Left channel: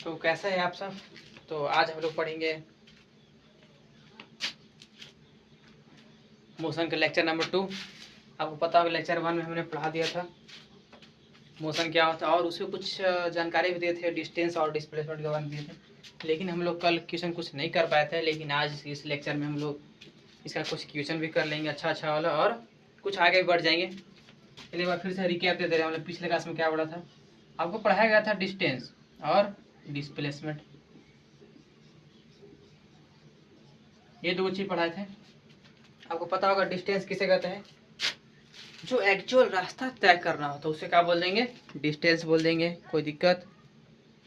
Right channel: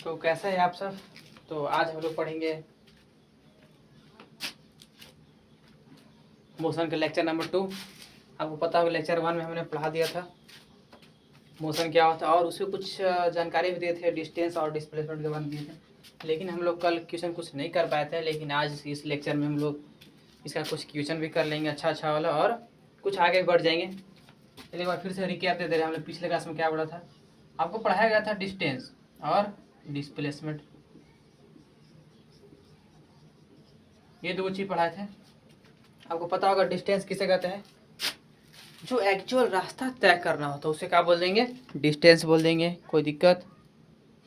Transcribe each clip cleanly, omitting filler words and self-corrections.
तो कैसे हैं आप सब। तो आज हम लोग पढ़ेंगे मोशन का लेक्चर नंबर 2। आपको पता होगा लेक्चर 1 में हमने पढ़ा दिया था मोशन क्या होता है और उसमें कुछ जानकारी भी दिए थे, डिस्टेंस और डिस्प्लेसमेंट के बारे में दिए थे। लेकिन हम लोग कल क्वेश्चन कुछ नहीं कर पाए थे, लेकिन आज इस लेक्चर में हम लोग इसका कुछ क्वेश्चन भी कर लेंगे अच्छा वाला और कुछ आगे बढ़ जाएंगे। एक बार फिर से रिकैप दे दे रहे हैं। हमने पिछले क्लास में क्या पढ़ा था, आपको पढ़ाया गया था डिस्टेंस और डिस्प्लेसमेंट, ये दो चीज़ पढ़ाए थे। आपको पता होगा डिस्टेंस किसे कहते हैं, जो एक्चुअल रास्ता तय करना हो तो उसे क्या बोल देंगे, डिस्टेंस बोल देंगे, कोई दिक्कत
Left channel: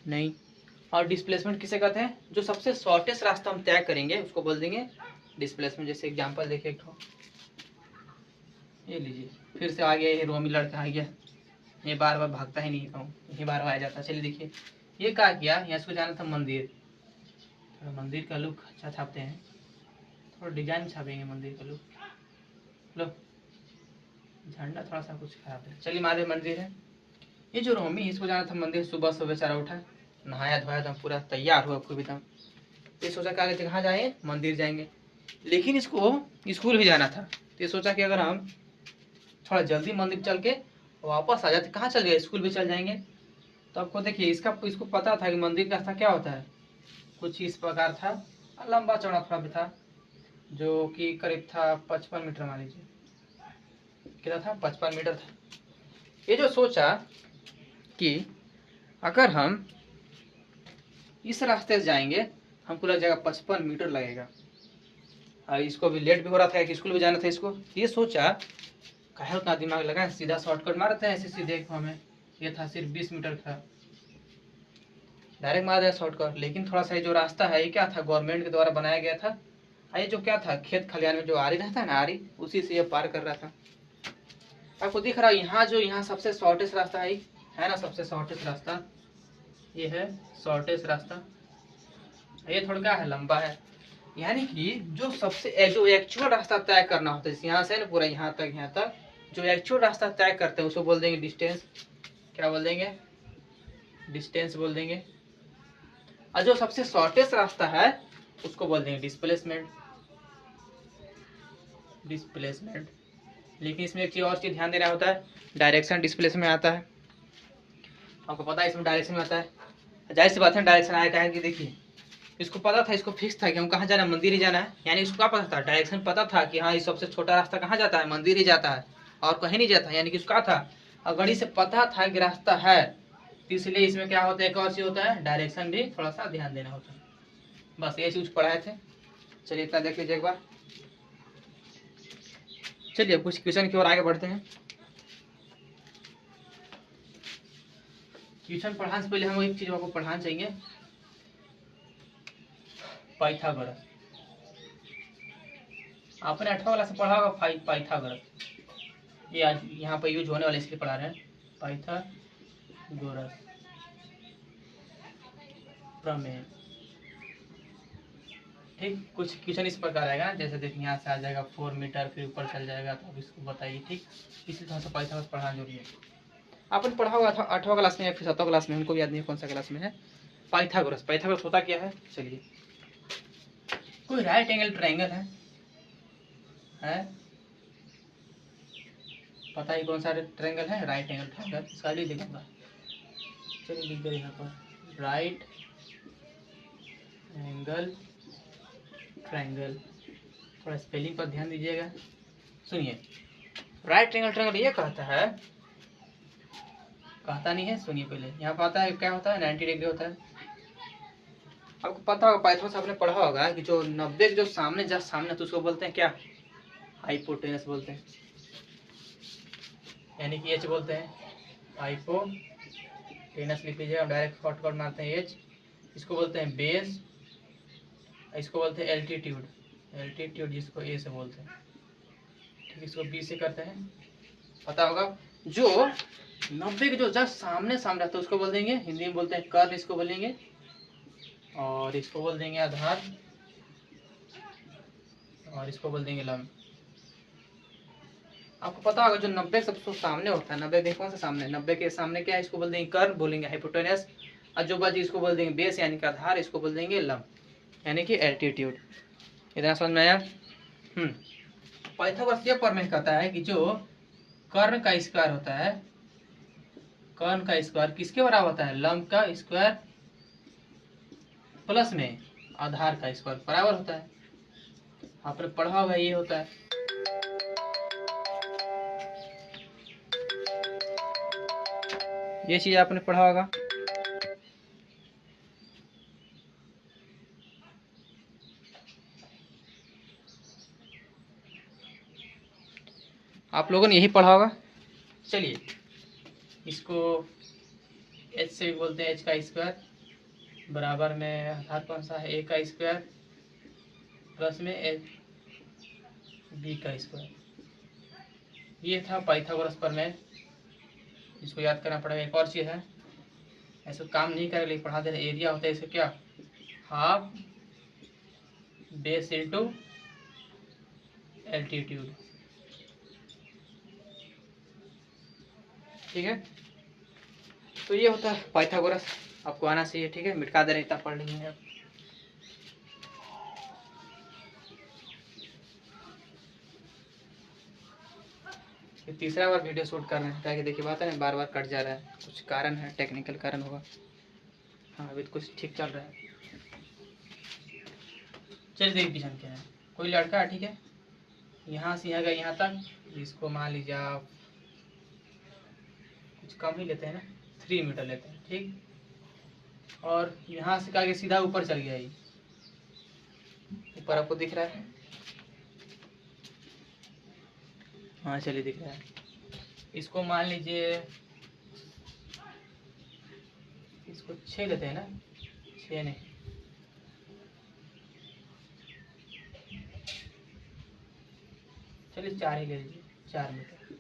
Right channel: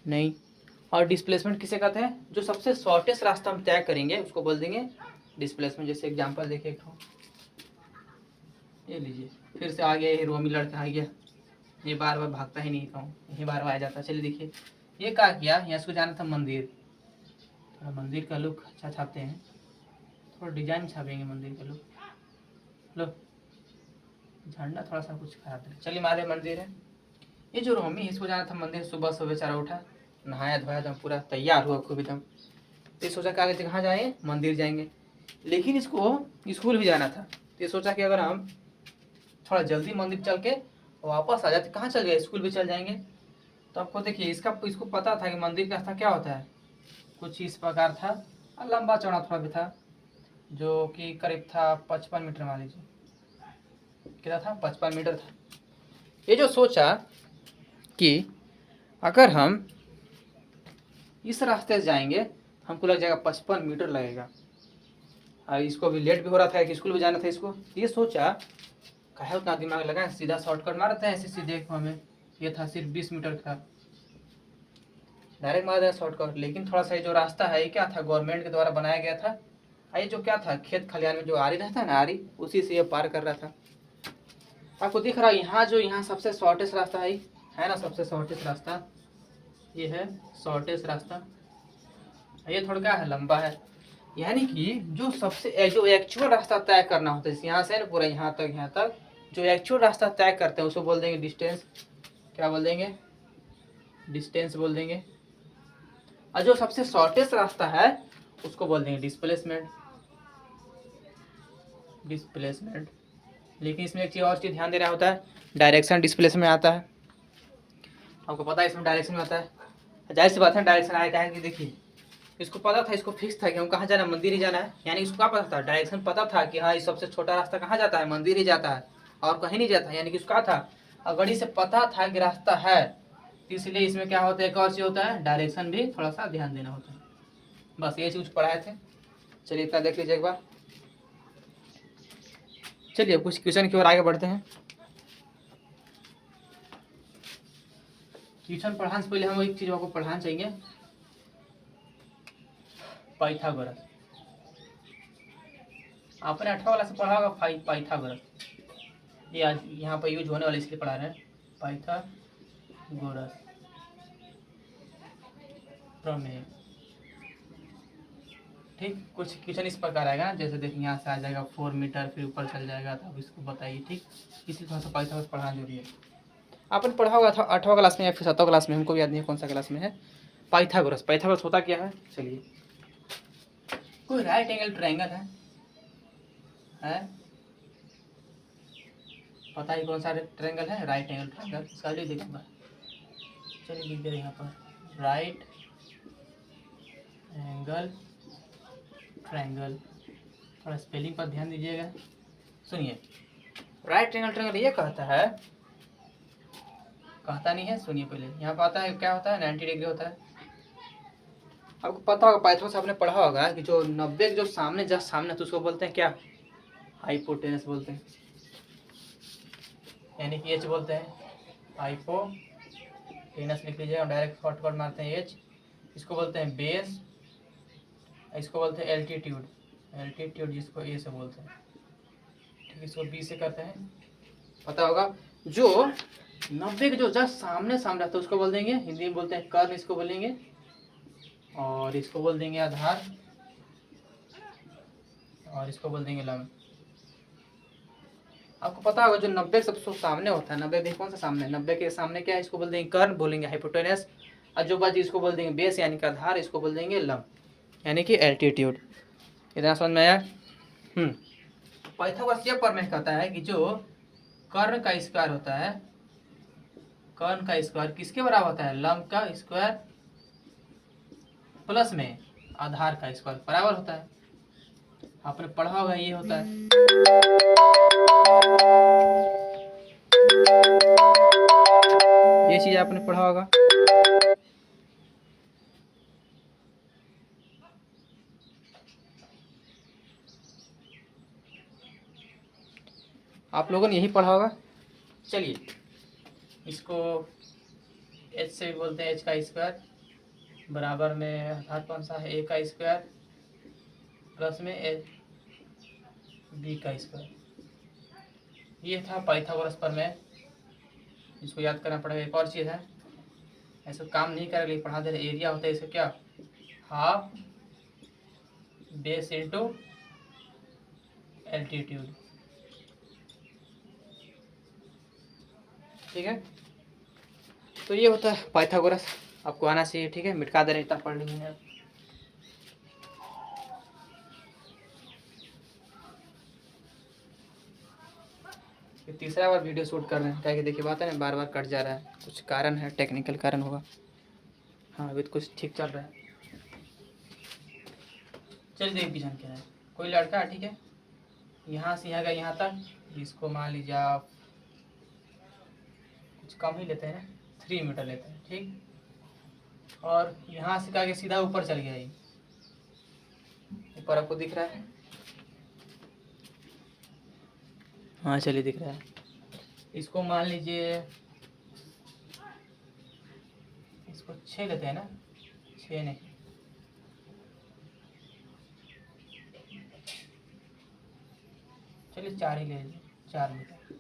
नहीं। और डिस्प्लेसमेंट किसे कहते हैं, जो सबसे शॉर्टेस्ट रास्ता हम तय करेंगे उसको बोल देंगे डिस्प्लेसमेंट। जैसे एग्जांपल देखिए, एक ये लीजिए, फिर से आ गया ये रोमी लड़का आ गया, ये बार बार भागता ही नहीं कहूँ, ये बार बार आ जाता। चलिए देखिए ये क्या किया, यहाँ इसको जाना था मंदिर, थोड़ा मंदिर का लुक अच्छा छापते हैं, थोड़ा डिजाइन छापेंगे मंदिर का लुक। लो झंडा थोड़ा सा कुछ खराब है। चलिए महादेव मंदिर है, ये जो रोमी इसको जाना था मंदिर। सुबह सुबह बेचारा उठा, नहाया धोया एकदम पूरा तैयार हुआ खूब एकदम। ये सोचा कहाँ जाए, मंदिर जाएंगे, लेकिन इसको स्कूल भी जाना था। तो ये सोचा कि अगर हम थोड़ा जल्दी मंदिर चल के वापस आ जाते, कहाँ चल गए, स्कूल भी चल जाएंगे। तो आपको देखिए इसको पता था कि मंदिर का रास्ता क्या होता है, कुछ इस प्रकार था, लंबा चौड़ा थोड़ा भी था, जो कि करीब था 55 मीटर, मान लीजिए कितना था, 55 मीटर था। ये जो सोचा कि अगर हम इस रास्ते से जाएंगे हमको लग जाएगा 55 मीटर लगेगा, और इसको भी लेट भी हो रहा था कि स्कूल भी जाना था इसको। ये सोचा कहे उतना दिमाग लगा, सीधा शॉर्टकट मारते हैं ऐसे सीधे हमें, ये था सिर्फ 20 मीटर था, डायरेक्ट मार दिया शॉर्टकट। लेकिन थोड़ा सा जो रास्ता है ये क्या था, गवर्नमेंट के द्वारा बनाया गया था। ये जो क्या था, खेत खलियान में जो आरी रहता है ना, आरी, उसी से ये पार कर रहा था। आपको दिख रहा है यहाँ सबसे शॉर्टेस्ट रास्ता है ना, सबसे शॉर्टेस्ट रास्ता ये है, शॉर्टेस्ट रास्ता। ये थोड़ा क्या है, लंबा है। यानी कि जो एक्चुअल रास्ता तय करना होता है, यहाँ से ना पूरा यहाँ तक जो एक्चुअल रास्ता तय करते हैं उसको बोल देंगे डिस्टेंस। क्या बोल देंगे, डिस्टेंस बोल देंगे। और जो सबसे शॉर्टेस्ट रास्ता है उसको बोल देंगे डिस्प्लेसमेंट। लेकिन इसमें एक चीज और चीज ध्यान देना होता है, डायरेक्शन डिस्प्लेसमेंट आता है। आपको पता है इसमें डायरेक्शन में आता है, जाहिर सी बात है डायरेक्शन आएगा है कि देखिए इसको पता था, इसको फिक्स था कि हम कहाँ जाना है, मंदिर ही जाना है। यानी इसको क्या पता था, डायरेक्शन पता था कि हाँ ये सबसे छोटा रास्ता कहाँ जाता है, मंदिर ही जाता है और कहीं नहीं जाता। यानी कि उसका था, अगर इसे पता था कि रास्ता है, तो इसलिए इसमें क्या होता है, एक और चीज होता है, डायरेक्शन भी थोड़ा सा ध्यान देना होता है। बस ये चीज पढ़ाए थे। चलिए इतना देख लीजिए एक बार। चलिए कुछ क्वेश्चन की ओर आगे बढ़ते हैं। क्वेश्चन पढ़ाने से पहले हम एक चीज आपको पढ़ाना चाहिए, पाइथागोरस। आपने 8वां क्लास से पढ़ा होगा पाइथागोरस। ये आज यहाँ पर यूज होने वाले इसलिए पढ़ा रहे हैं, पाइथागोरस प्रमेय। ठीक, कुछ क्वेश्चन इस प्रकार आएगा ना, जैसे देखिए यहाँ से आ जाएगा 4 मीटर, फिर ऊपर चल जाएगा, तो अब इसको बताइए। ठीक, इसलिए थोड़ा सा पाइथागोरस पढ़ाना जरूरी है। आपने पढ़ा होगा था 8वां क्लास में या फिर 7वां क्लास में, हमको याद नहीं कौन सा क्लास में है। पाइथागोरस होता क्या है, चलिए। कोई राइट एंगल ट्रायंगल है? पता ही कौन सा ट्रायंगल है, राइट एंगल ट्रायंगल। इसका लिख देगा, चलिए लिख दे यहाँ पर, राइट एंगल ट्रायंगल। थोड़ा स्पेलिंग पर ध्यान दीजिएगा। सुनिए, राइट एंगल ट्रायंगल ये कहता है, कहता नहीं है, सुनिए पहले। यहाँ पर आता है क्या होता है, 90 डिग्री होता है। आपको पता होगा पाइथागोरस आपने पढ़ा होगा कि जो 90 जो सामने जस्ट सामने तो उसको बोलते हैं क्या, हाइपोटेनस बोलते हैं। यानी कि एच बोलते हैं, हाइपोटेनस लिख लीजिए, डायरेक्ट शॉर्टकट मारते हैं एच। इसको बोलते हैं बेस, इसको बोलते हैं एल्टीट्यूड जिसको ए से बोलते हैं। ठीक, इसको बी से करते हैं। पता होगा जो 90 के जो जस्ट सामने सामने तो उसको बोल देंगे, हिंदी में बोलते हैं कर्व, इसको बोलेंगे। और इसको बोल देंगे आधार, और इसको बोल देंगे लंब। आपको पता होगा जो 90 सबसे सामने होता है, 90 में कौन सा सामने है, 90 के सामने क्या है, इसको बोल देंगे कर्व, बोलेंगे हाइपोटेनस। और जो बची इसको बोल देंगे बेस यानी कि आधार, इसको बोल देंगे लंब यानी कि एल्टीट्यूड। इतना समझ में आया? पाइथागोरस ये प्रमेय कहता है कि जो कर्ण का स्क्वायर होता है, कर्ण का स्क्वायर किसके बराबर होता है? लंब का स्क्वायर प्लस में आधार का स्क्वायर बराबर होता है। आपने पढ़ा होगा ये होता है। ये चीज आपने पढ़ा होगा। आप लोगों ने यही पढ़ा होगा। चलिए इसको h से भी बोलते हैं, h का स्क्वायर बराबर में आधार कौन सा है? a का स्क्वायर प्लस में b का स्क्वायर। ये था पाइथागोरस प्रमेय। इसको याद करना पड़ेगा। एक और चीज़ है, ऐसा काम नहीं करेगा लेकिन पढ़ा देना। एरिया होता है इसका क्या? Half base into altitude. ठीक है, तो ये होता है पाइथागोरस। आपको आना चाहिए। ठीक है, मिटका दे रहे, इतना पढ़ लेंगे आप। ये तीसरा बार वीडियो शूट कर रहे हैं, क्या कि देखिए बात है ना, बार बार कट जा रहा है। कुछ कारण है, टेक्निकल कारण होगा। हाँ अभी तो कुछ ठीक चल रहा है। चलिए देखिए पीछे क्या है। कोई लड़का है, ठीक है, यहाँ से यहाँ गया यहाँ तक, इसको मान लीजिए आप कुछ कम ही लेते हैं ना, 3 मीटर लेते हैं। ठीक, और यहाँ से क्या सीधा ऊपर चल गया। ये ऊपर आपको दिख रहा है? हाँ चलिए दिख रहा है। इसको मान लीजिए, इसको 6 लेते हैं ना, 6 नहीं, चलिए 4 ही ले लीजिए, 4 मीटर।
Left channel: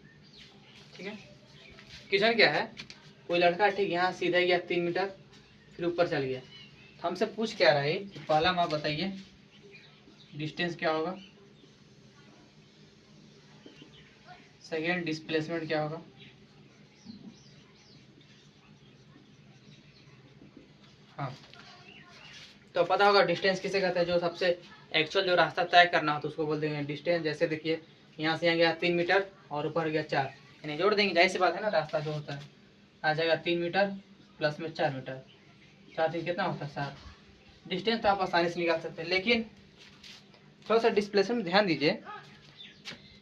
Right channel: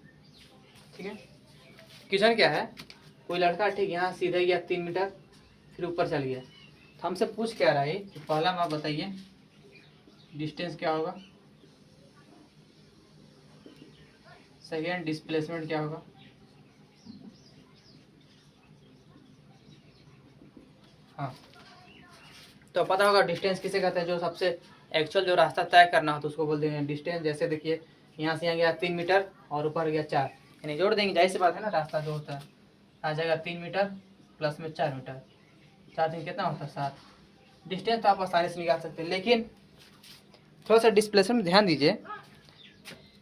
ठीक है, क्वेश्चन क्या है? कोई लड़का ठीक यहाँ सीधा गया 3 मीटर, फिर ऊपर चल गया। तो हमसे पूछ क्या रहा है कि पहला आप बताइए डिस्टेंस क्या होगा, सेकेंड डिस्प्लेसमेंट क्या होगा, हाँ तो पता होगा डिस्टेंस किसे कहते हैं? जो सबसे एक्चुअल जो रास्ता तय करना हो तो उसको बोल देंगे डिस्टेंस। जैसे देखिए यहाँ से यहाँ गया 3 मीटर और ऊपर गया 4, यानी जोड़ देंगे, जाहिर सी बात है ना, रास्ता जो होता है आ जाएगा 3 मीटर प्लस में 4 मीटर, 4 दिन कितना होता है? 7। डिस्टेंस तो आप आसानी से निकाल सकते हैं, लेकिन थोड़ा सा डिस्प्लेसमेंट ध्यान दीजिए।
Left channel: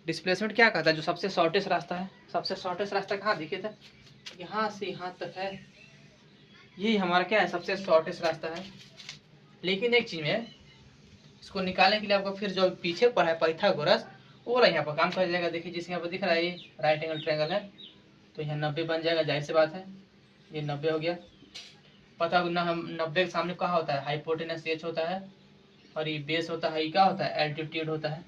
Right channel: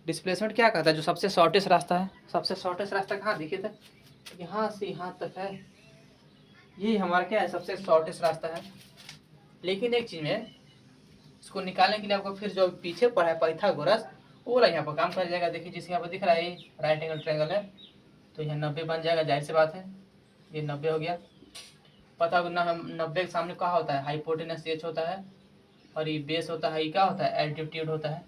डिस्प्लेसमेंट क्या कहता है? जो सबसे शॉर्टेस्ट रास्ता है। सबसे शॉर्टेस्ट रास्ता कहाँ देखिए था? यहाँ से यहाँ तक है, यही हमारा क्या है? सबसे शॉर्टेस्ट रास्ता है। लेकिन एक चीज़ में इसको निकालने के लिए आपको फिर जो पीछे पढ़ा है पाइथागोरस, वो वाला यहाँ पर काम कर जाएगा। देखिए जिसके यहाँ पर दिख रहा है राइट एंगल ट्रायंगल है, तो यहाँ 90 बन जाएगा, जाहिर सी बात है, ये 90 हो गया। पता ना, हम 90 के सामने क्या होता है? हाइपोटेनस h होता है, और ये बेस होता है, ये क्या होता है? एल्टीट्यूड होता है।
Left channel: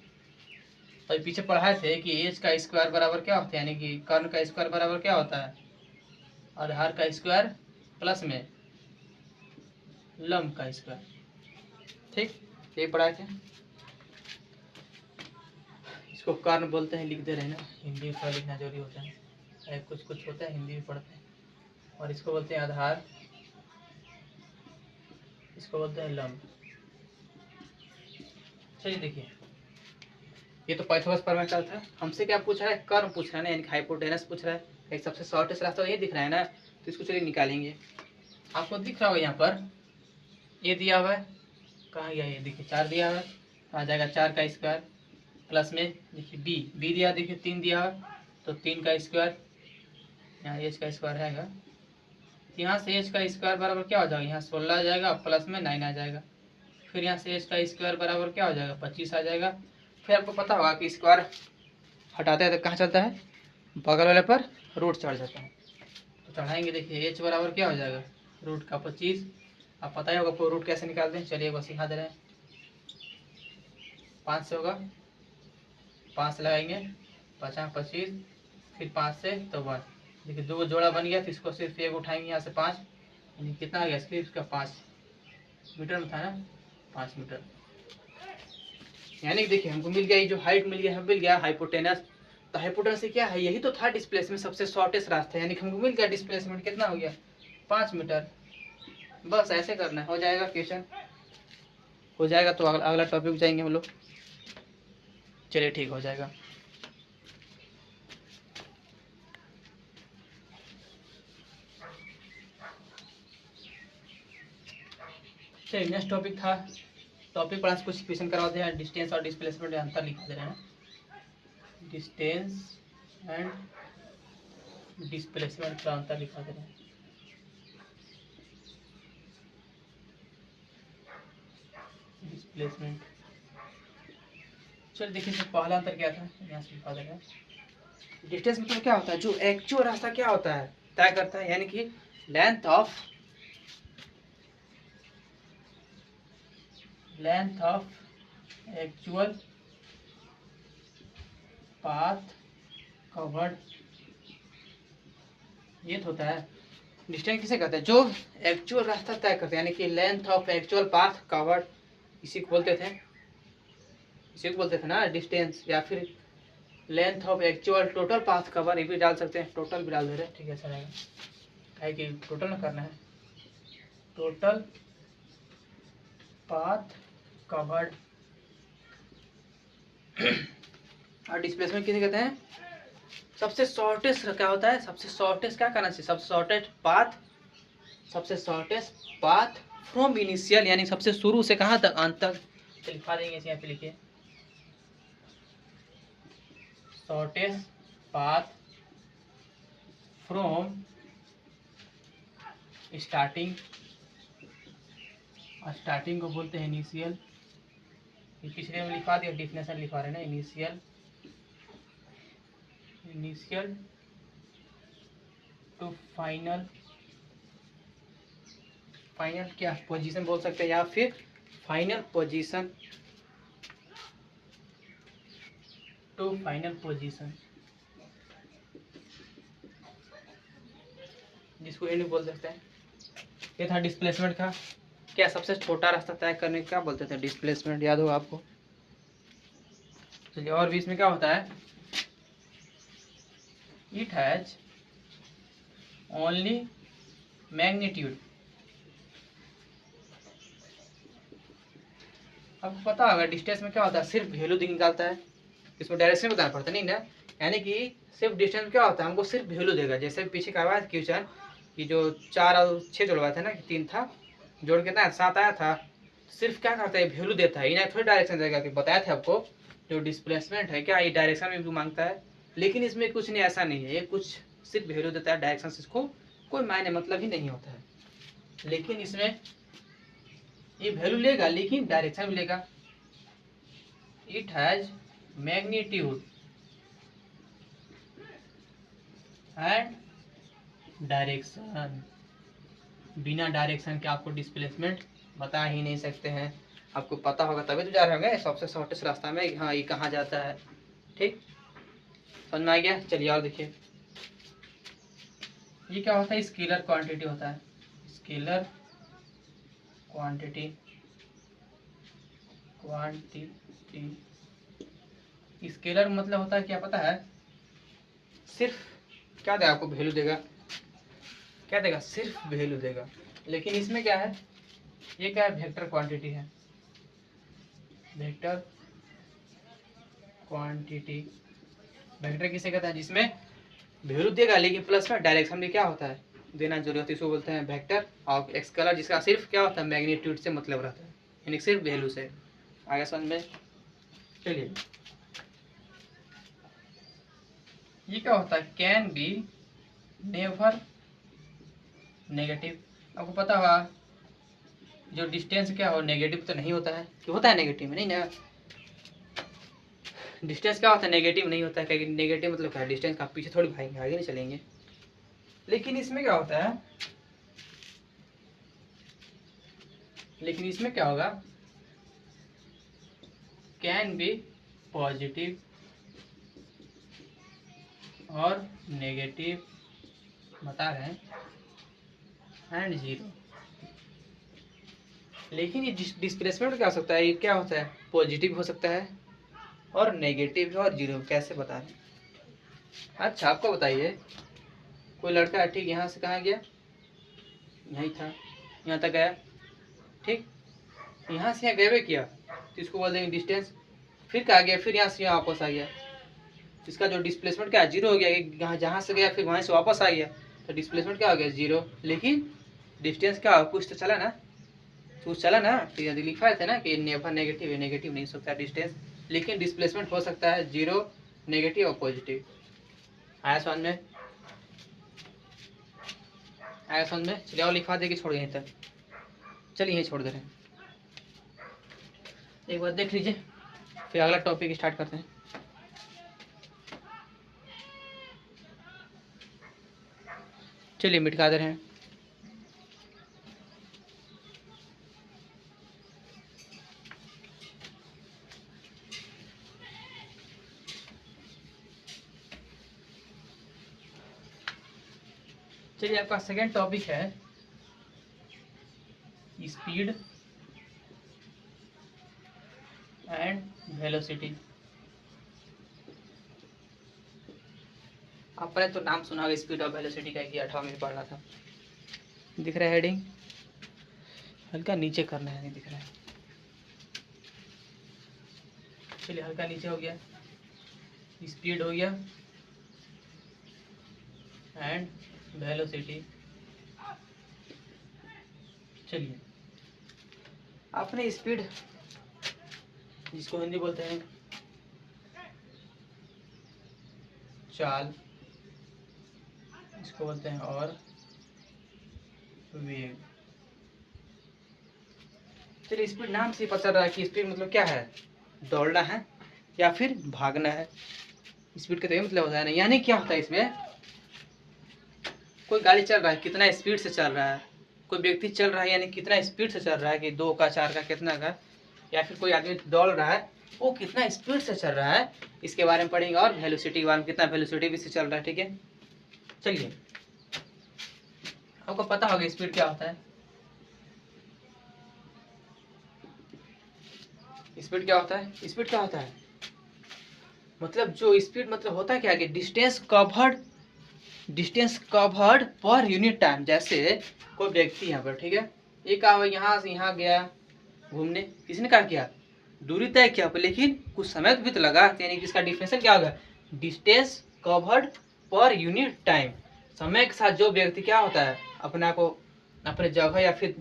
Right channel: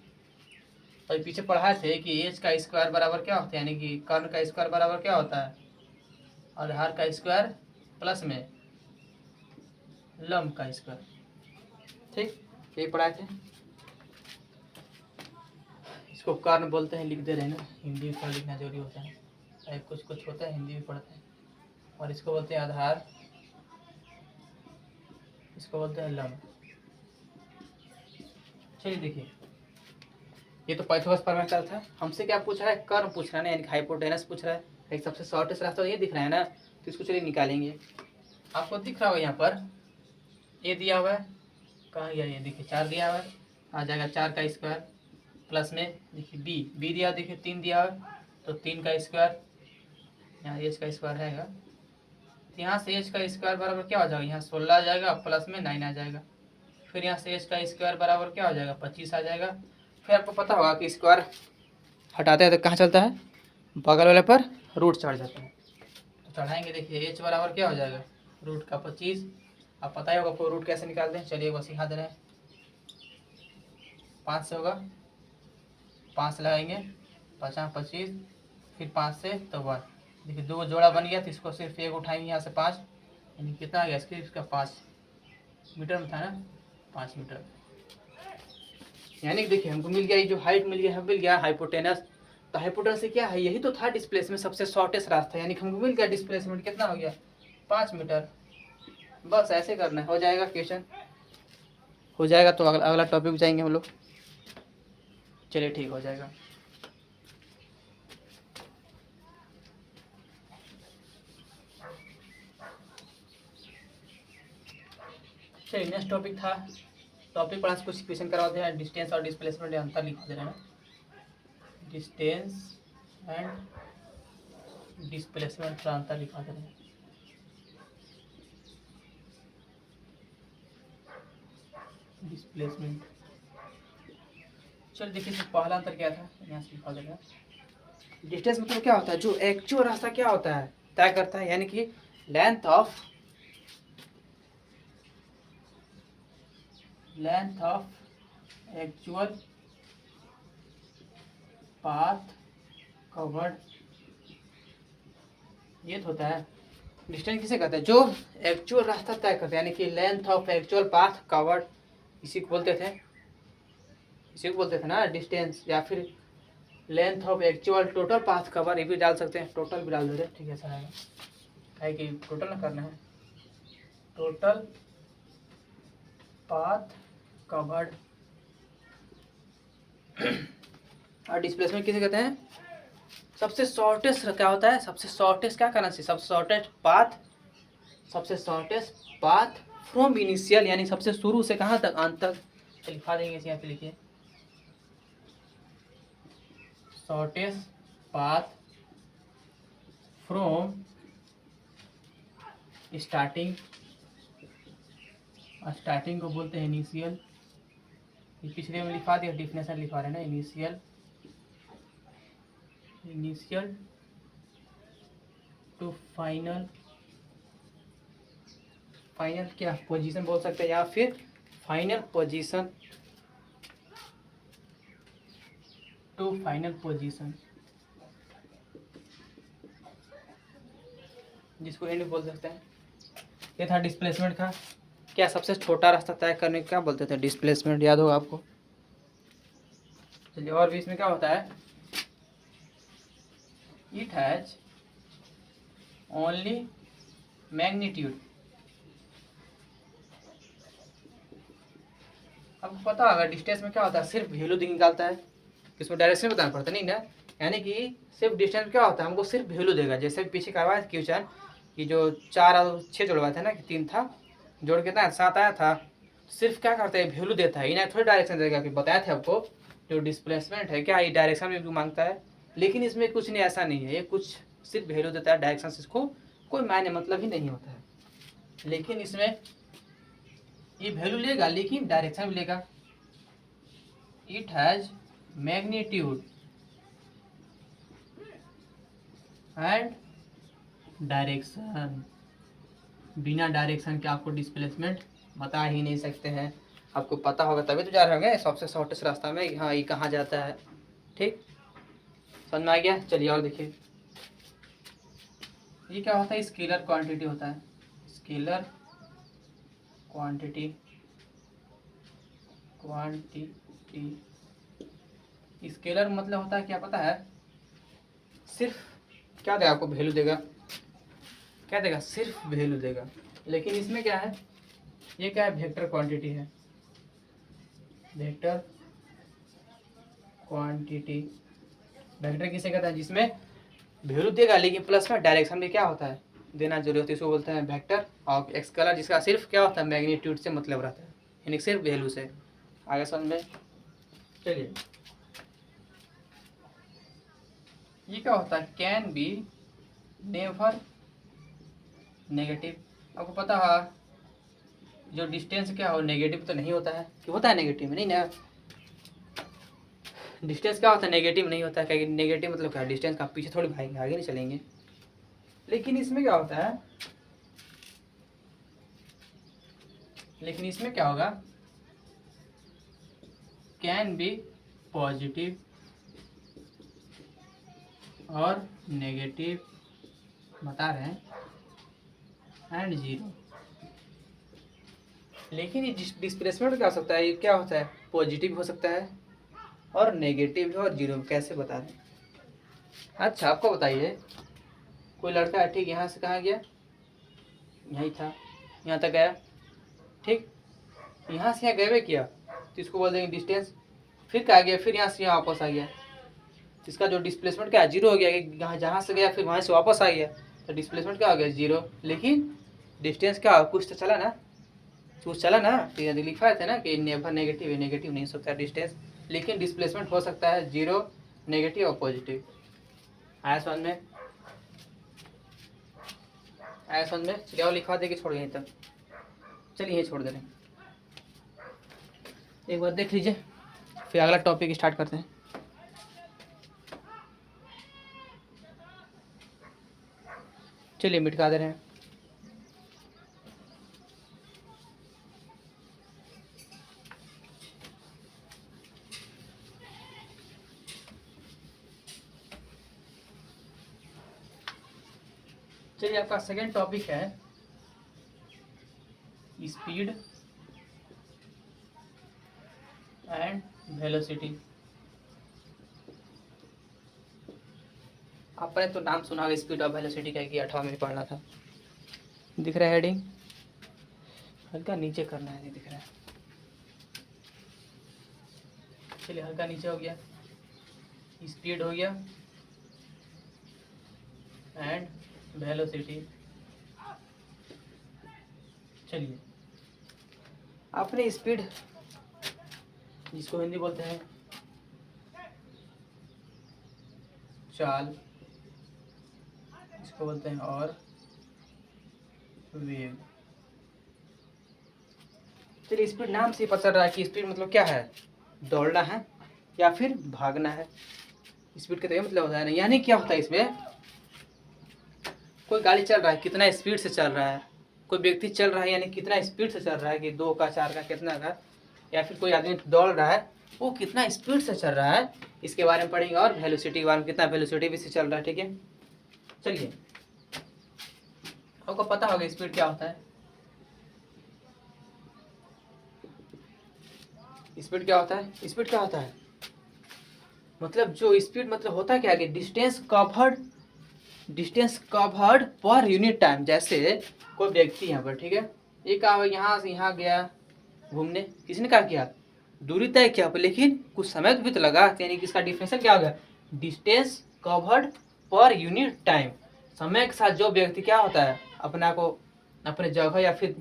तो पीछे पढ़ाए थे कि एच का स्क्वायर बराबर क्या होता है, यानी कि कर्ण का स्क्वायर बराबर क्या होता है? आधार का स्क्वायर प्लस में लंब का स्क्वायर। ठीक, ये पढ़ाए थे। इसको कर्ण बोलते हैं, लिख दे रहे हैं ना, हिंदी में थोड़ा लिखना जरूरी होता है, कुछ कुछ होता है हिंदी में पढ़ते हैं। और इसको बोलते हैं आधार, इसको बोलते हैं लंब। चलिए देखिए, ये तो पाइथागोरस प्रमेय का था। हमसे क्या पूछ रहा है? कर्व पूछ रहा है, यानी हाइपोटेनस पूछ रहा है। एक सबसे शॉर्टेस्ट रास्ता ये दिख रहा है ना, तो इसको चलिए निकालेंगे। आपको दिख रहा होगा यहाँ पर ये दिया हुआ है, कहाँ गया ये? देखिए 4 दिया हुआ है, आ जाएगा 4 का स्क्वायर प्लस में देखिए बी दिया, देखिए 3 दिया हुआ है, तो 3 का स्क्वायर, यहाँ एच का स्क्वायर रहेगा। यहाँ से एच का स्क्वायर बराबर क्या हो जाएगा? यहाँ 16 आ जाएगा प्लस में 9 आ जाएगा। फिर यहाँ से एच का स्क्वायर बराबर क्या हो जाएगा? 25 आ जाएगा। फिर आपको पता होगा कि स्क्वायर हटाते हैं तो कहाँ चलता है? बगल वाले पर रूट चढ़ जाता है। तो चढ़ाएंगे, देखिए एच बराबर क्या हो जाएगा? रूट का 25। अब पता ही होगा आपको रूट कैसे निकालते हैं। चलिए बस सिखा दे रहे हैं। 5 से होगा, 5 से लगाएंगे, 50 25, फिर 5 से तो 1। देखिए 2 जोड़ा बन गया, तो इसको सिर्फ एक उठाएंगे यहाँ से 5, यानी कितना आ गया? इसका 5 मीटर में था ना, 5 मीटर। यानी कि देखिए हमको मिल गया, ये जो हाइट मिल गया है, मिल गया हाइपोटेनस। तो हाइपोटेनस से क्या है? यही तो था डिस्प्लेसमेंट, सबसे शॉर्टेस्ट रास्ता, यानी कि हमको मिल गया डिस्प्लेसमेंट कितना हो गया? 5 मीटर। बस ऐसे करना है, हो जाएगा क्वेश्चन, हो जाएगा तो अगला अगला टॉपिक जाएंगे हम लोग। चलिए ठीक हो जाएगा। चलिए नेक्स्ट टॉपिक था, टॉपिक पढ़ा कुछ क्वेश्चन करवाते हैं, डिस्टेंस और डिस्प्लेसमेंट अंतर लिखा दे रहे हैं, डिस्टेंस एंड डिस्प्लेसमेंट का अंतर लिखा दे रहे हैं। डिस्प्लेसमेंट, चल देखिए पहला अंतर क्या था, यहाँ से लिखा देगा। डिस्टेंस मतलब क्या होता है, जो एक्चुअल रास्ता क्या होता है तय करता है, यानी कि length of actual path covered, ये तो होता है। डिस्टेंस किसे कहते हैं, जो एक्चुअल रास्ता तय करते हैं, यानी कि length of actual path covered, इसी को बोलते थे ना डिस्टेंस, या फिर length of actual total path cover, ये भी डाल सकते हैं, टोटल भी डाल दे रहे हैं, ठीक है, अच्छा रहेगा, है कि टोटल ना करना है, टोटल पाथ कवर्ड। और डिस्प्लेसमेंट किसे कहते हैं, सबसे शॉर्टेस्ट क्या होता है, सबसे शॉर्टेस्ट क्या करना चाहिए, सबसे शॉर्टेस्ट पाथ फ्रॉम इनिशियल, यानी सबसे शुरू से कहाँ तक, अंत तक। लिखा देंगे यहाँ पे, लिखिए शॉर्टेस्ट पाथ फ्रॉम स्टार्टिंग को बोलते हैं इनिशियल, पिछले में लिखा दिया, डिफिनेशन लिखा रहे हैं ना, इनिशियल टू फाइनल क्या पोजीशन बोल सकते हैं, या फिर final position to final position, जिसको एंड बोल सकते हैं। ये था डिस्प्लेसमेंट का, क्या सबसे छोटा रास्ता तय करने को क्या बोलते थे, डिस्प्लेसमेंट, याद होगा आपको। चलिए और भी इसमें क्या होता है, इट हैज ओनली मैग्नीट्यूड, आपको पता होगा डिस्टेंस में क्या होता है, सिर्फ वैल्यू निकालता है, इसमें डायरेक्शन बताना पड़ता नहीं ना, यानी कि सिर्फ डिस्टेंस में क्या होता है, हमको सिर्फ वैल्यू देगा, जैसे पीछे करवाया क्वेश्चन कि जो 4 और 6 जोड़वाया था ना, कि 3 था, जोड़ कितना 7 आया था, सिर्फ क्या करता है वैल्यू देता है, इन्हें थोड़ी डायरेक्शन देगा, कि बताया था आपको जो डिस्प्लेसमेंट है क्या ये डायरेक्शन में भी मांगता है, लेकिन इसमें कुछ नहीं, ऐसा नहीं है, ये कुछ सिर्फ वैल्यू देता है, डायरेक्शन से इसको कोई मायने मतलब ही नहीं होता है, लेकिन इसमें ये वैल्यू लेगा लेकिन डायरेक्शन भी लेगा। It has magnitude and direction, बिना डायरेक्शन के आपको डिस्प्लेसमेंट बता ही नहीं सकते हैं, आपको पता होगा तभी तो जा रहे होंगे सबसे शॉर्टेस्ट रास्ता में, हाँ ये कहाँ जाता है, ठीक समझ में आ गया। चलिए और देखिए, ये क्या होता है, स्केलर क्वांटिटी होता है, स्केलर क्वांटिटी, स्केलर मतलब होता है क्या पता है, सिर्फ क्या देगा आपको, वैल्यू देगा, क्या देगा, सिर्फ वैल्यू देगा, लेकिन इसमें क्या है, ये क्या है, वेक्टर क्वांटिटी है, वेक्टर क्वांटिटी, वेक्टर किसे कहते हैं, जिसमें वैल्यू देगा लेकिन प्लस में डायरेक्शन में क्या होता है, देना जरूरी होती है, इसको बोलते हैं वेक्टर। और स्केलर जिसका सिर्फ क्या होता है, मैग्नीट्यूड से मतलब रहता है, यानी सिर्फ वैल्यू से, आगे समझ में। चलिए ये क्या होता है, कैन बी नेवर नेगेटिव, आपको पता होगा जो डिस्टेंस क्या हो, नेगेटिव तो नहीं होता है, कि होता है नेगेटिव में नहीं ना, डिस्टेंस क्या होता है, नेगेटिव नहीं होता है, क्योंकि नेगेटिव मतलब क्या है, डिस्टेंस का पीछे थोड़ी भागेंगे, आगे नहीं चलेंगे, लेकिन इसमें क्या होता है, लेकिन इसमें क्या होगा, कैन बी पॉजिटिव और नेगेटिव बता रहे हैं, एंड जीरो, लेकिन ये डिस्प्लेसमेंट क्या हो सकता है, ये क्या होता है, पॉजिटिव हो सकता है और नेगेटिव और जीरो, कैसे बता रहे हैं। अच्छा आपको बताइए, कोई लड़का है ठीक, यहाँ से कहाँ गया, यहीं था, यहाँ तक गया, ठीक। यहाँ से यहाँ गए किया तो इसको बोल देंगे डिस्टेंस। फिर क्या गया, फिर यहाँ से यहाँ वापस आ गया, इसका जो डिस्प्लेसमेंट क्या जीरो हो गया, यहाँ जहाँ से गया फिर वहाँ से वापस आ गया, तो डिस्प्लेसमेंट क्या हो गया, जीरो। लेकिन डिस्टेंस क्या कुछ तो चला ना, कुछ चला ना। तो यदि लिखा था ना कि नेवर नेगेटिव, नेगेटिव नहीं हो सकता डिस्टेंस, लेकिन डिस्प्लेसमेंट हो सकता है जीरो, नेगेटिव और पॉजिटिव। आया समझ में, आया समझ में। चलिए और लिखवा देगी, छोड़ यहीं तक, चलिए यहीं छोड़ दे रहे हैं। एक बार देख लीजिए, फिर अगला टॉपिक स्टार्ट करते हैं। चलिए मिटका दे रहे हैं। चलिए आपका सेकेंड टॉपिक है स्पीड एंड वेलोसिटी। आपने तो नाम सुना होगा स्पीड और वेलोसिटी का, कि 8वां में पढ़ना था। दिख रहा है हेडिंग, हल्का नीचे करना है, नहीं दिख रहा है। चलिए हल्का नीचे हो गया, स्पीड हो गया एंड वेलोसिटी। चलिए आपने स्पीड, जिसको हिंदी बोलते हैं चाल, इसको बोलते हैं और वेग। चलिए स्पीड नाम से पता चल रहा है कि स्पीड मतलब क्या है, दौड़ना है या फिर भागना है। स्पीड का तो ये मतलब होता है ना, यानी क्या होता है इसमें, कोई गाड़ी चल रहा है कितना स्पीड से चल रहा है, कोई व्यक्ति चल रहा है यानी कितना स्पीड से चल रहा है, कि 2 का 4 का कितना का, या फिर कोई आदमी दौड़ रहा है वो कितना स्पीड से चल रहा है, इसके बारे में पढ़ेंगे। और वेलोसिटी के बारे में, कितना वेलोसिटी भी से चल रहा है, ठीक है। चलिए आपको पता होगा स्पीड क्या होता है। स्पीड क्या होता है, स्पीड क्या होता है मतलब, जो स्पीड मतलब होता है क्या, कि distance covered per unit time. जैसे कोई व्यक्ति यहाँ पर, ठीक है, एक यहाँ से यहाँ गया घूमने, किसने क्या किया, दूरी तय किया, लेकिन कुछ समय भी तो लगा, यानी कि इसका डिफिनेशन क्या होगा, distance covered per unit time. समय के साथ जो व्यक्ति क्या होता है, अपना को अपने जगह या फिर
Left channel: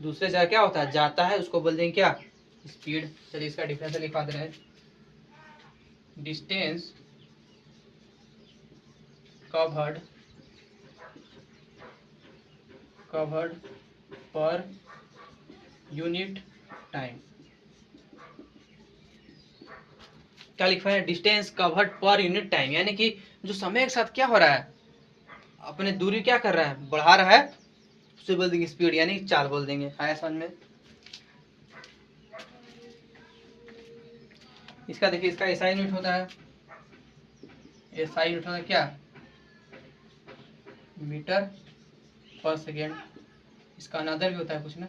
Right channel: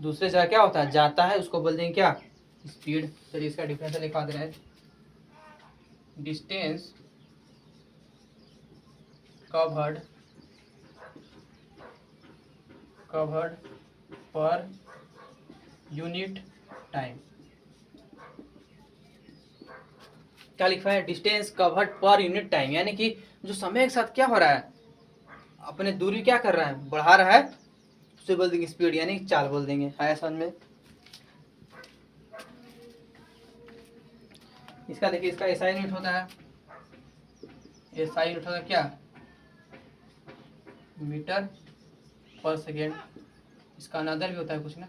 दूसरे जगह क्या होता है जाता है, उसको बोल देंगे क्या, स्पीड। चलिए इसका डिफिनेशन लिखा दे रहे हैं, distance covered per unit time. क्या लिखा है, distance covered per unit time, यानी कि जो समय के साथ क्या हो रहा है, अपने दूरी क्या कर रहा है, बढ़ा रहा है, उसे बोल देंगे स्पीड, यानी चाल बोल देंगे। आया समझ में। इसका देखिए, इसका एसआई यूनिट होता है, एसआई यूनिट होता है क्या, मीटर पर सेकेंड। इसका अनदर भी होता है कुछ ना,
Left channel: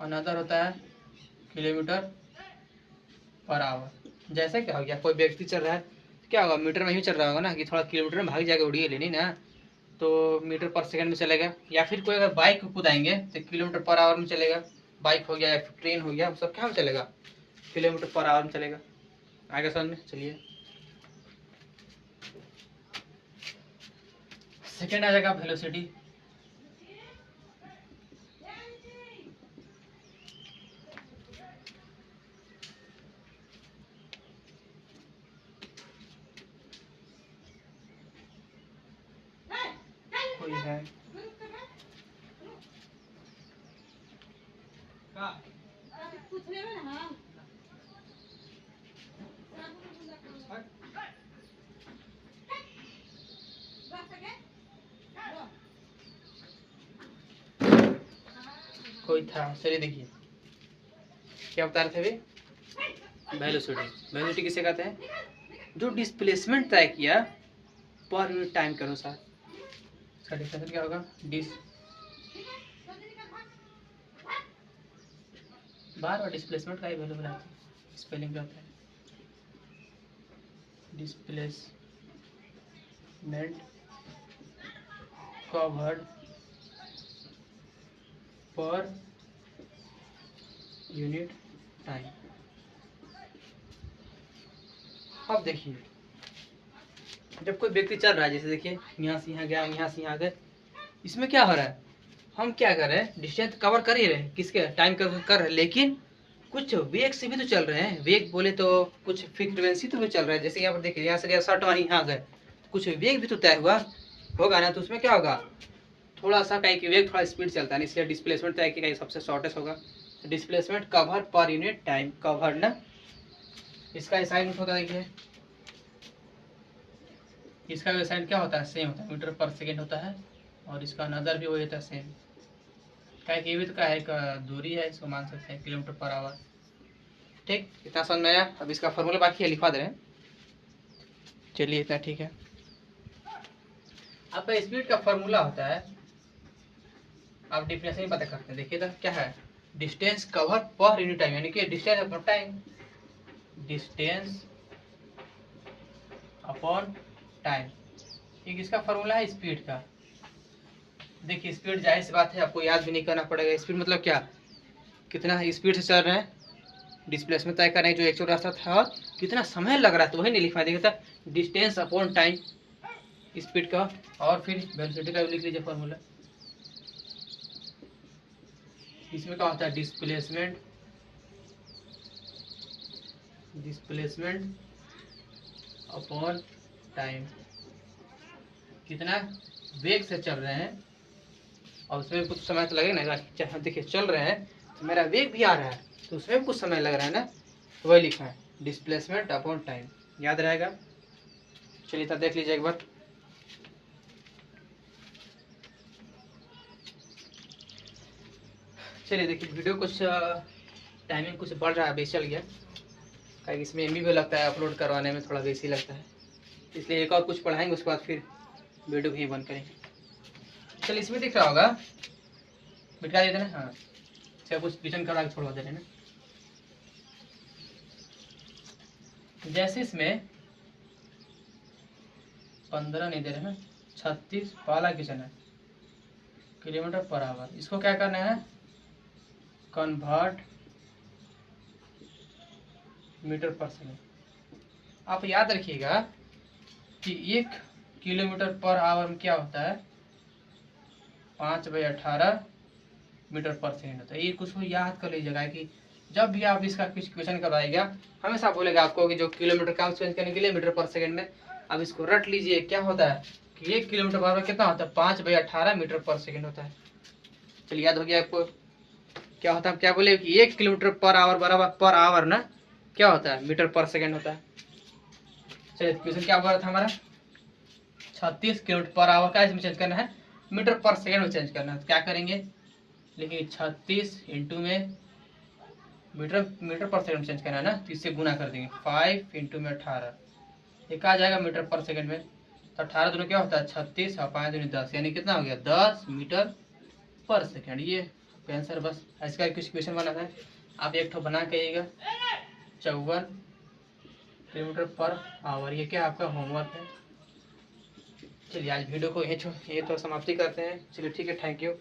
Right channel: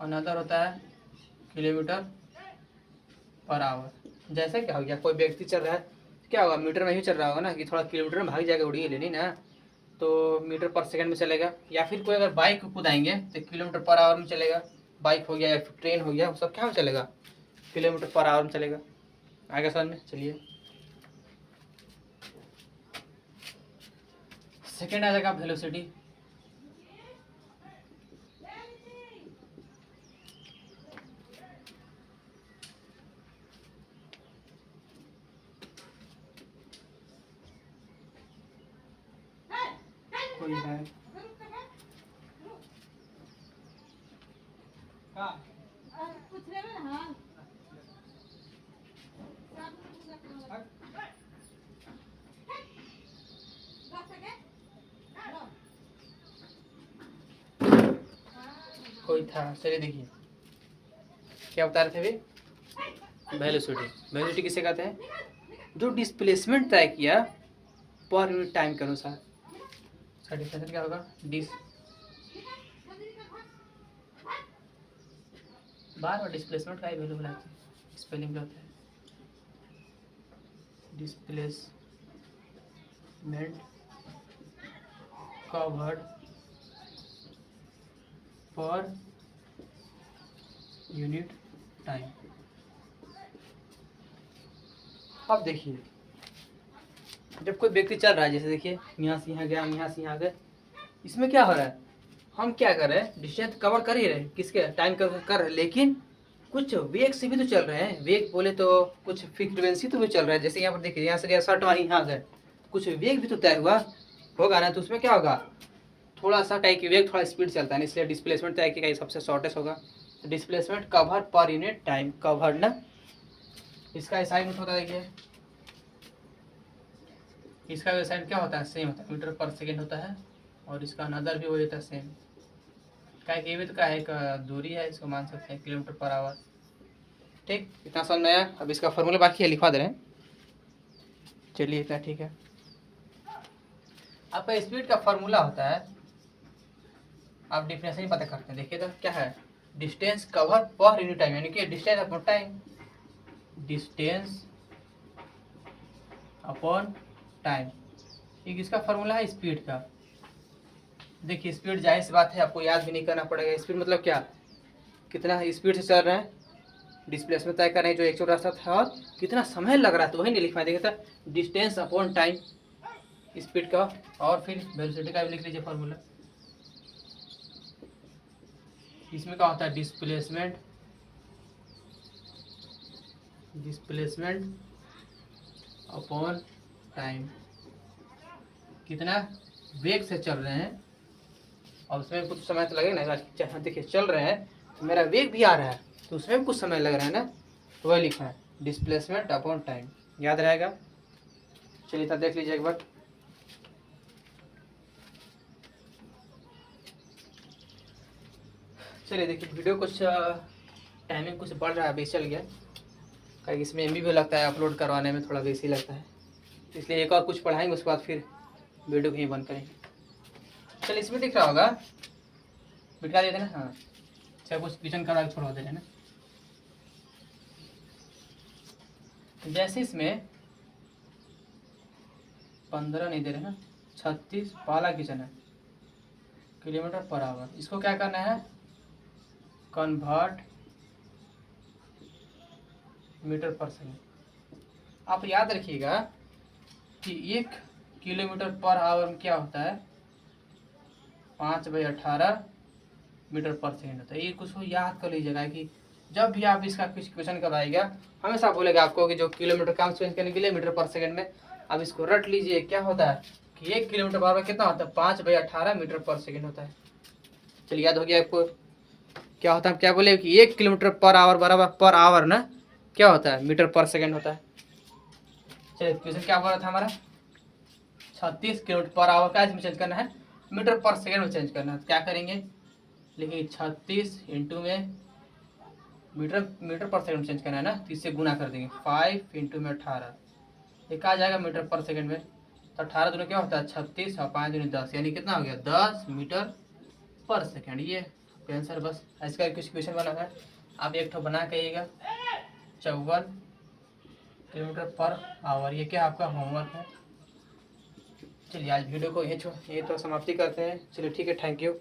अनदर होता है किलोमीटर पर आवर। जैसे क्या हो गया, कोई व्यक्ति चल रहा है, क्या होगा, मीटर में ही चल रहा होगा ना, कि थोड़ा किलोमीटर में भाग जाएगा, उड़िए लेनी ना, तो मीटर पर सेकंड में चलेगा। या फिर कोई अगर बाइक कूदाएंगे तो किलोमीटर पर आवर में चलेगा, बाइक हो गया या फिर ट्रेन हो गया, वो सब क्या में चलेगा, किलोमीटर पर आवर में चलेगा। आगे समझ में। चलिए सेकंड आ जाएगा वेलोसिटी। कोई है कोई था, चलिए देखिए क्या बता रहे थे अभी, वेलोसिटी। वेलोसिटी किसे कहते हैं, जो डिस्प्लेसमेंट तय किया पर यूनिट टाइम के अनुसार। इसका डिफिनेशन क्या होगा, बार और डिस्प्लेसमेंट का ही वैल्यू बनाते हैं, स्पेलिंग क्या होता है, displacement covered per unit time. अब देखिए जब कोई व्यक्ति चल रहा है, जैसे देखिए यहाँ से यहाँ गया, यहाँ से यहाँ गए, इसमें क्या हो रहा है, हम क्या कर रहे हैं, डिस्टेंस कवर कर ही रहे हैं, किसके टाइम कर रहे हैं, लेकिन कुछ वेग से भी तो चल रहे हैं। वेग बोले तो कुछ फ्रीक्वेंसी तो भी चल रहा है। जैसे यहाँ पर देखिए, यहाँ से गया 60 वहीं यहाँ गए, कुछ वेग भी तो तय हुआ होगा ना। तो उसमें क्या होगा, थोड़ा सा कहीं की वेग थोड़ा स्पीड चलता है, इसलिए डिस्प्लेसमेंट तय कि कहीं सबसे शॉर्टेस्ट होगा। तो displacement cover per unit time, cover ना, इसका असाइनमेंट होता है। देखिए इसका असाइनमेंट क्या होता है, सेम होता है, मीटर पर सेकेंड होता है, और इसका अनदर भी वही होता है सेम। क्या कि ये भी तो क्या है, एक दूरी है, इसको मान सकते हैं किलोमीटर पर आवर। ठीक, इतना समझ में आया। अब इसका फॉर्मूला बाकी है, लिखवा दे रहे हैं। चलिए इतना ठीक है। आपका स्पीड का फॉर्मूला होता है, आप डिफिनेशन ही पता करते हैं। देखिए तो क्या है, distance cover per unit time, यानी कि distance upon time, distance upon time. एक इसका फॉर्मूला है स्पीड का। देखिए स्पीड जाहिर सी बात है आपको याद भी नहीं करना पड़ेगा। स्पीड मतलब क्या, कितना स्पीड से चल रहे हैं, डिस्प्लेसमेंट तय कर रहे हैं जो एक्चुअल रास्ता था, और कितना समय लग रहा है, तो वही नहीं लिख पाए। देखिए था डिस्टेंस अपॉन टाइम स्पीड का, और फिर वेलोसिटी का भी लिख लीजिए फॉर्मूला। इसमें क्या होता है, डिस्प्लेसमेंट, डिस्प्लेसमेंट अपॉन टाइम, कितना वेग से चल रहे हैं, और उसमें कुछ समय तो लगेगा ना। देखिए चल रहे हैं तो मेरा वेग भी आ रहा है, तो उसमें कुछ समय लग रहा है ना, तो वही लिखा है डिस्प्लेसमेंट अपॉन टाइम। याद रहेगा। चलिए तब देख लीजिए एक बार। चलिए देखिए, वीडियो कुछ टाइमिंग कुछ बढ़ रहा है, बेस चल गया, क्योंकि इसमें एम भी लगता है, अपलोड करवाने में थोड़ा बेसी लगता है, इसलिए एक और कुछ पढ़ाएंगे, उसके बाद फिर वीडियो भी बंद करेंगे। चलिए इसमें दिख रहा होगा, बिठा देते ना, हाँ चाहे कुछ किचन करवा के छोड़वा दे रहे हैं ना। जैसे इसमें 15 नहीं दे रहे हैं, 36 वाला किचन है, किलोमीटर पर आवर, इसको क्या करना है, कन्वर्ट मीटर पर सेकेंड। आप याद रखिएगा कि 1 किलोमीटर पर आवर में क्या होता है, 5/18 मीटर पर सेकेंड होता है। ये कुछ याद कर लीजिएगा कि जब भी आप इसका कुछ क्वेश्चन करवाएगा, हमेशा बोलेगा आपको कि जो किलोमीटर काम चेंज करने के लिए मीटर पर सेकेंड में, अब इसको रट लीजिए। क्या होता है कि 1 किलोमीटर पर आवर कितना होता है, 5/18 मीटर पर सेकेंड होता है। चलिए याद हो गया आपको। क्या होता है, क्या बोले कि 1 किलोमीटर पर आवर बराबर, पर आवर ना क्या होता है, मीटर पर सेकेंड होता है। चलिए क्वेश्चन क्या बोला था हमारा, 36 किलोमीटर पर आवर का इसमें चेंज करना है, मीटर पर सेकेंड में चेंज करना है। तो क्या करेंगे, लेकिन 36 इंटू में मीटर पर सेकंड चेंज करना है ना, तो इससे गुना कर देंगे, 5 इंटू में 18, एक आ जाएगा मीटर पर सेकंड में। तो 18 दोनों क्या होता है 36, और 5 दूनी 10, यानी कितना हो गया 10 मीटर पर सेकंड। ये आंसर। बस इसका कुछ क्वेश्चन बना है, आप एक ठो बना कहिएगा, 54 किलोमीटर पर आवर। ये क्या आपका होमवर्क है। चलिए आज वीडियो को यही तो समाप्ति करते हैं। चलिए ठीक है, थैंक यू।